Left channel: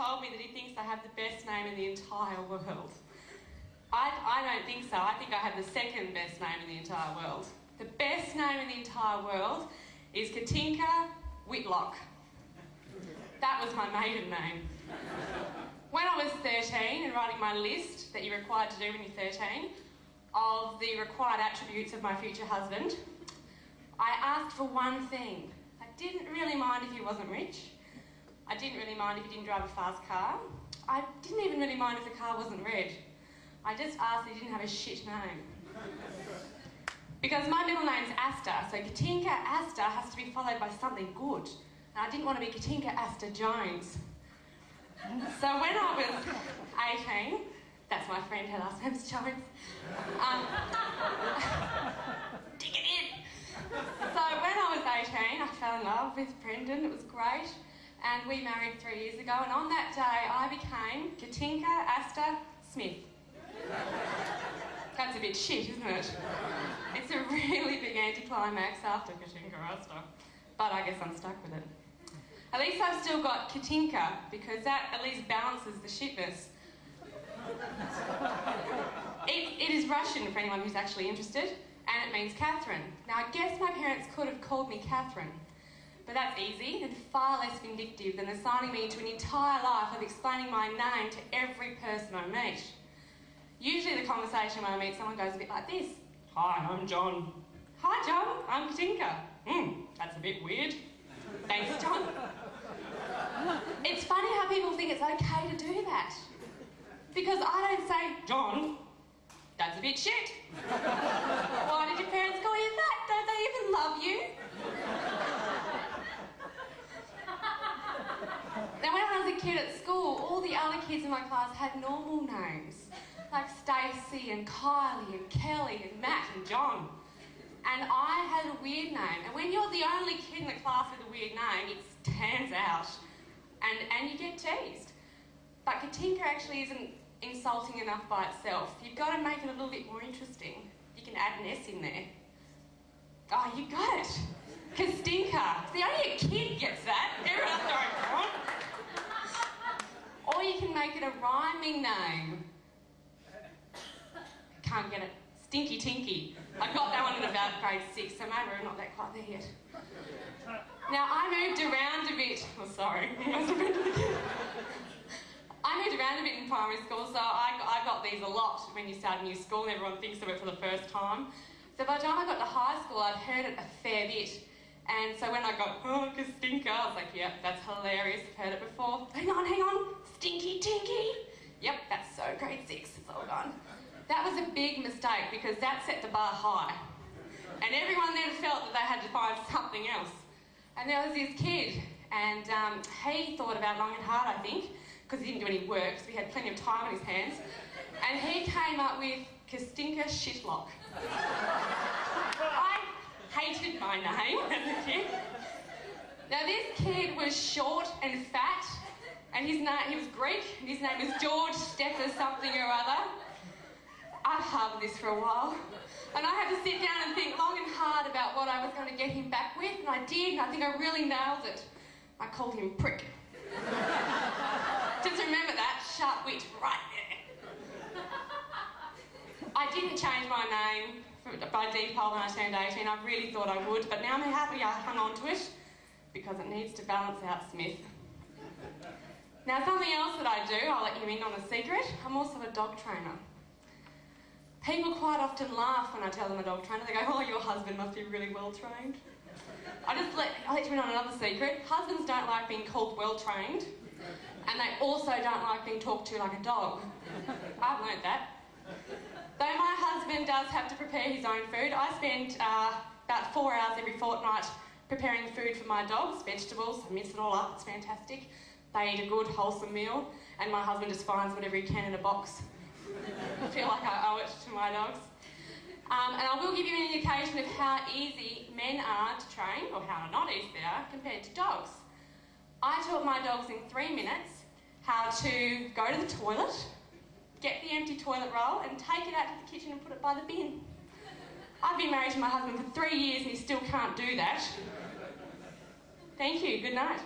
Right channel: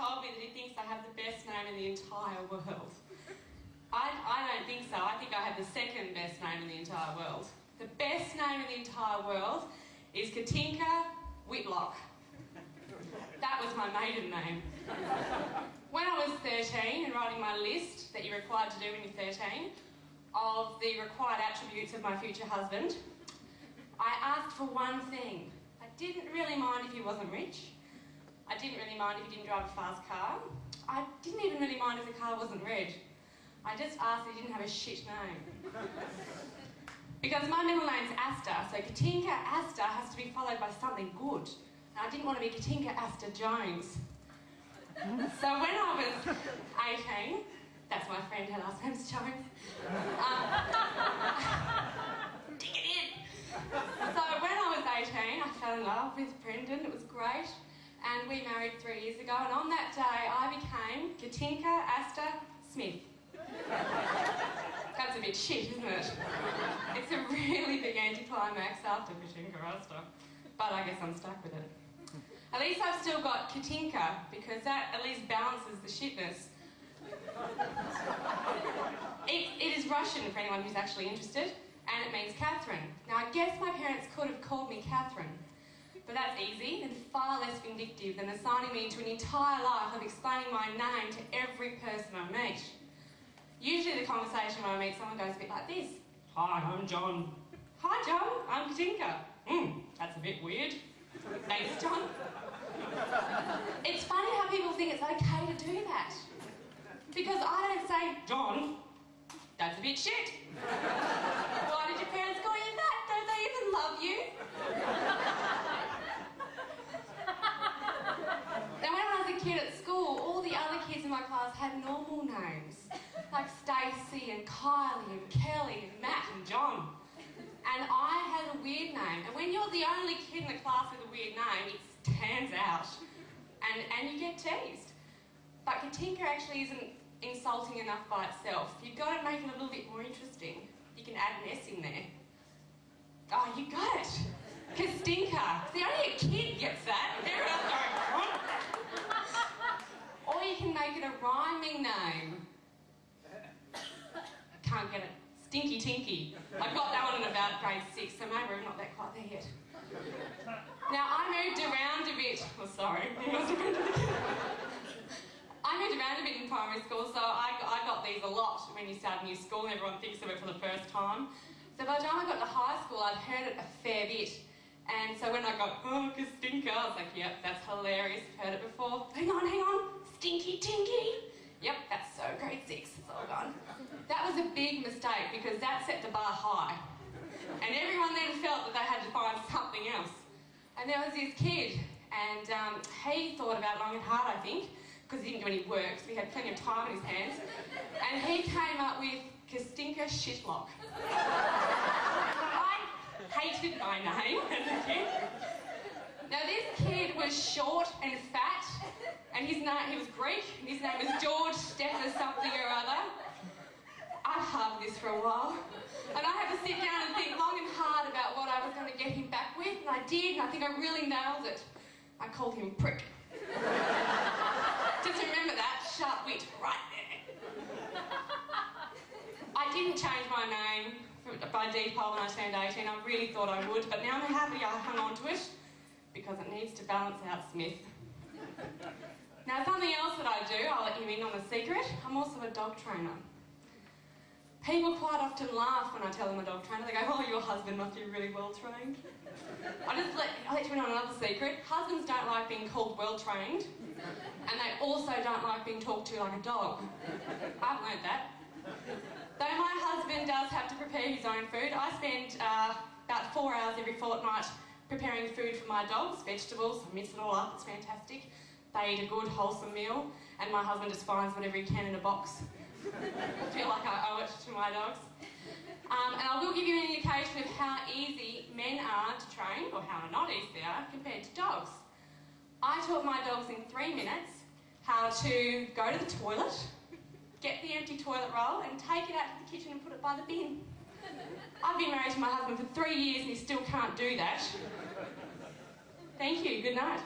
told me that he thinks I have the best name in the entire world. I don't think so. I think I have the second best name in the entire world. The best name in the entire world is Katinka Whitlock. That was my maiden name. When I was 13 and writing my list that you're required to do when you're 13 of the required attributes of my future husband, I asked for one thing. I didn't really mind if he wasn't rich. I didn't really mind if he didn't drive a fast car. I didn't even really mind if the car wasn't red. I just asked that he didn't have a shit name. Because my middle name's Asta, so Katinka Asta has to be followed by something good. And I didn't want to be Katinka Asta Jones. So when I was 18, that's my friend, her last name's Jones. Dig it in. So when I was 18, I fell in love with Brendan. It was great. And we married 3 years ago. And on that day, I became Katinka Asta Smith. That's a bit shit, isn't it? It's a really big anticlimax after Katinka Asta. But I guess I'm stuck with it. At least I've still got Katinka, because that at least balances the shitness. It is Russian for anyone who's actually interested, and it means Catherine. Now, I guess my parents could have called me Catherine, but that's easy and far less vindictive than assigning me to an entire life of explaining my name to every person I meet. Usually the conversation when I meet someone goes a bit like this. Hi, I'm John. Hi, John, I'm Katinka. That's a bit weird. Thanks, John. It's funny how people think it's okay to do that. Because I don't say, John, that's a bit shit. Why did your parents call you that? Don't they even love you? Now, when I was a kid at school, all the other kids in my class had normal names. Like Stacey and Kylie and Kelly and Matt and John. And I had a weird name. And when you're the only kid in the class with a weird name, it stands out. And you get teased. But Katinka actually isn't insulting enough by itself. You've got to make it a little bit more interesting. You can add an S in there. Oh, you got it. Kastinka. See, only a kid gets that. Everyone else going, what? Or you can make it a rhyming name. Can't get it. Stinky Tinky. I got that one in about grade 6, so maybe we're not that quite there yet. Now, I moved around a bit. Oh, sorry. I moved around a bit in primary school, so I got these a lot when you start a new school and everyone thinks of it for the first time. So by the time I got to high school, I'd heard it a fair bit. And so when I got, oh, Kastinka, I was like, yep, that's hilarious. I've heard it before. Hang on. Stinky Tinky. Yep, that's so grade 6. It's all gone. That was a big mistake because that set the bar high. And everyone then felt that they had to find something else. And there was this kid, and he thought about it long and hard, I think, because he didn't do any work, so he had plenty of time on his hands. And he came up with Kastinka Shitlock. I hated my name as a kid. Now, this kid was short and fat, and he was Greek, and his name was George Stepher something or other. I've harbored this for a while, and I had to sit down and think long and hard about what I was going to get him back with, and I did, and I think I really nailed it. I called him Prick. Just remember that, sharp wit right there. I didn't change my name by default when I turned 18. I really thought I would, but now I'm happy I hung on to it because it needs to balance out Smith. Now, something else that I do, I'll let you in on a secret. I'm also a dog trainer. People quite often laugh when I tell them I'm a dog trainer. They go, oh, your husband must be really well trained. I'll let you in on another secret. Husbands don't like being called well trained, and they also don't like being talked to like a dog. I've learnt that. Though my husband does have to prepare his own food, I spend about 4 hours every fortnight preparing food for my dogs, vegetables. I mix it all up, it's fantastic. They eat a good, wholesome meal, and my husband just finds whatever he can in a box. I feel like I owe it to my dogs. And I will give you an indication of how easy men are to train, or how not easy they are, compared to dogs. I taught my dogs in 3 minutes how to go to the toilet, get the empty toilet roll, and take it out to the kitchen and put it by the bin. I've been married to my husband for 3 years and he still can't do that. Thank you, good night.